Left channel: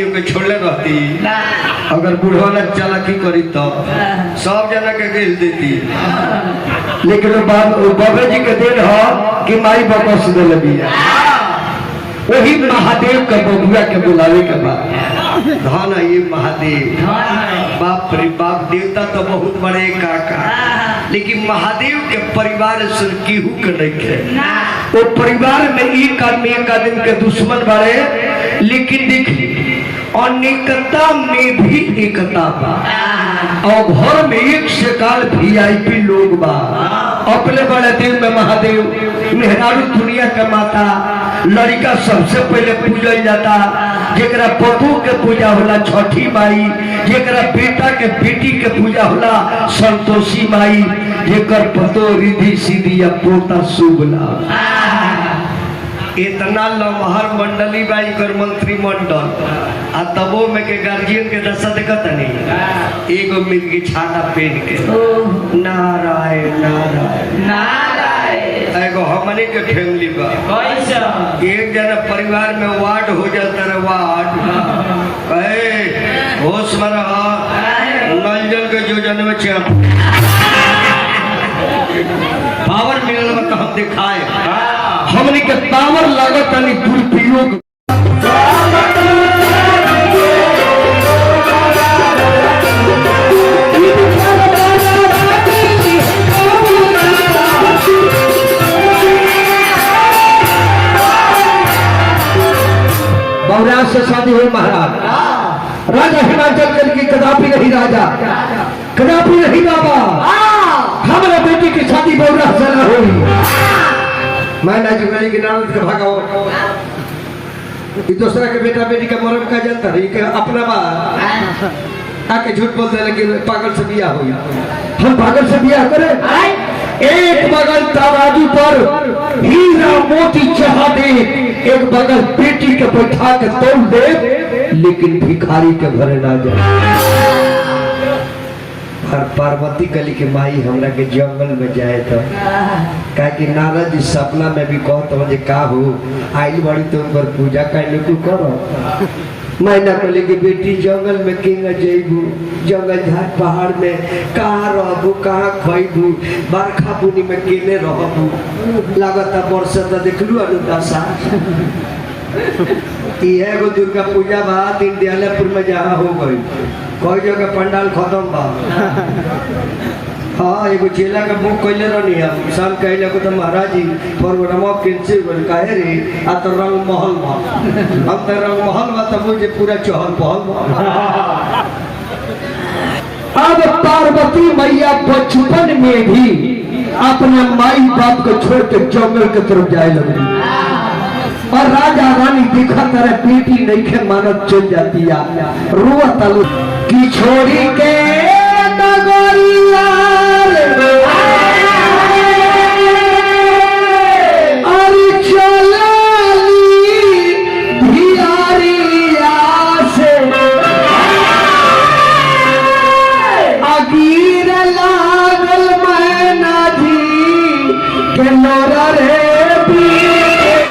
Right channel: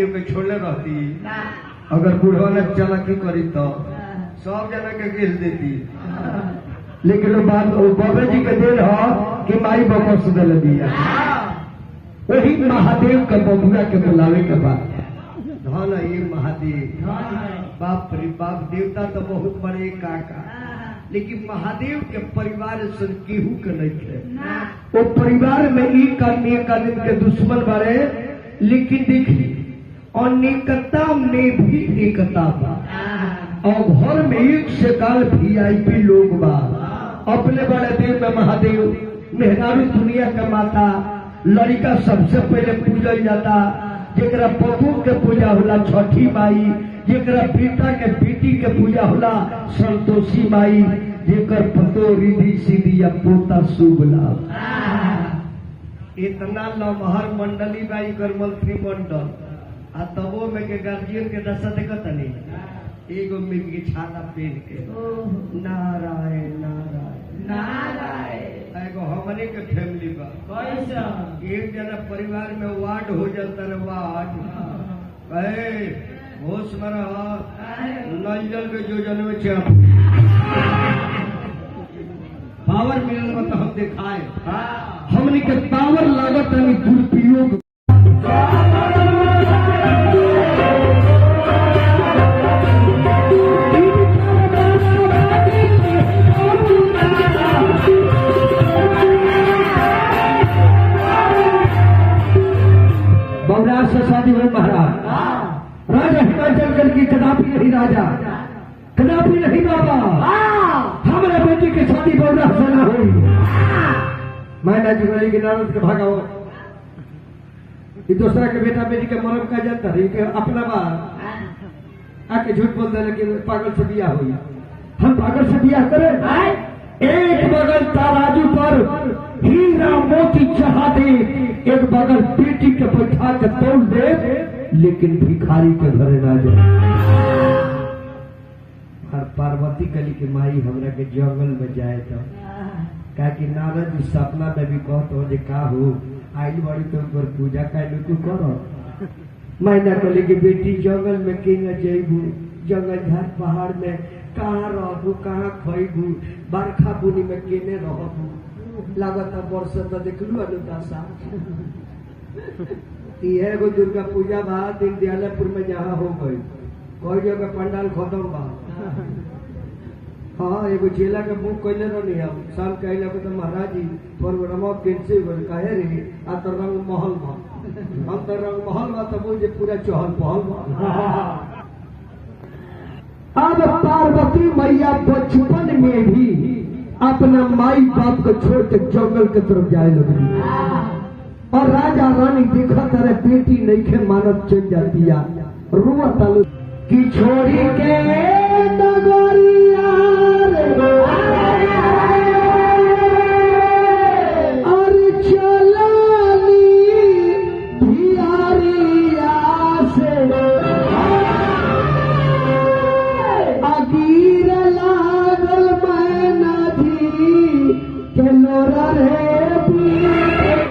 केहू के छोड़ले रहती अगर बुढ़वा ने चालाकी करी तो सब जना के गेल देती लेकिन बाबा जी के देन हो कि माई बकस दे लगी वही महादेव के बबुआ के बुलावे के बाद धन ये महादेव बाप रे बाप देवता तो बहुत बड़े काका लेकिन महादेव के परिवार से केहू के नहीं थे वो परिवार में एक आदमी के दुश्मन बड़े लेकिन देख अनेकता में भी एकता बा और घर में एक से काल VIP लोग बा अपने बड़े दिल में महादेव मेहरारू दुनिया के माता लड़का सबसे पहले पूजल जाता जेकरा पतू के पूजा होला छठी माई जेकरा बेटा के बेटी के पूजा होला संतोषी माई जेकर पतो रिधि सीधी या पोता शुभला इतना लमहर मंडली बाई कर मंत्रिमंडल आ तबो में के गार्जियन के दशा देखत नहीं एगो मिर्गी छाता पहन के नारायण नारायण नारायण एगो हमने के फैमिली बा कैसा एक जना परिवार में वार्ड हो जाता रे वार्ड होश में रहा नल के योजना में पावर मिलल में तो हम दिखाए हमने के पावर लागत नहीं दुरुपयोग बहुराज से शादी हुई महाराज राजा हिमाचल जल की कदापि नहीं राजा कदापि नहीं बाबा हमारे बेटी की शादी बहुराज से न हुई मैं ना जुगाली के नाम के भागाओ दूसरा के बेटा बेटी का मरम का जानता रही कि अपना बात आके झूठ बोल दे लेकिन पागल से बिया हो हम पागल से बिया करें एक बगल तराजू पर हीरा मोती चढ़ा दे एक बगल बेटी के बैठा के तोड़ दे लेकिन भिखारी के भरे ना जाए और पार्वती गली के माई हमरा के जंगल में जाए तो कहा कि नारद जी सपना में भी कहो तो मुझे का हो आई बड़ी तो उन पर पूजा कर को करो मैंने बोले कि बेटी जंगल में किंग जेबू जंगल झाड़ पहाड़ में कहाँ रहबू कहाँ खैबू बरखा बुनी में केने रहबू लगता वर्षा तो देखलू अनुदशा एगो दुर्गा पूजा बा दीनदयालपुर में जहाँ हो गई कई जगह पंडाल खत्म बा हाँ एगो चेला का बुक कैले रहनी है शाम कहले को तो महाराज जी प्रोग्राम कैंसिल बोल काहे रे आ तो रंग महल बा हम तो रंग महल बा तो मुझे पूरा चहल पहल बा अब पार्वती मैया बचपन में भी अपने माई बाप को छोड़ के जंगल के तरफ जाए लगी और राजा रानी देखा तरह बेटी नहीं के मानत चल जाती है रोआ तलो की छोड़ी के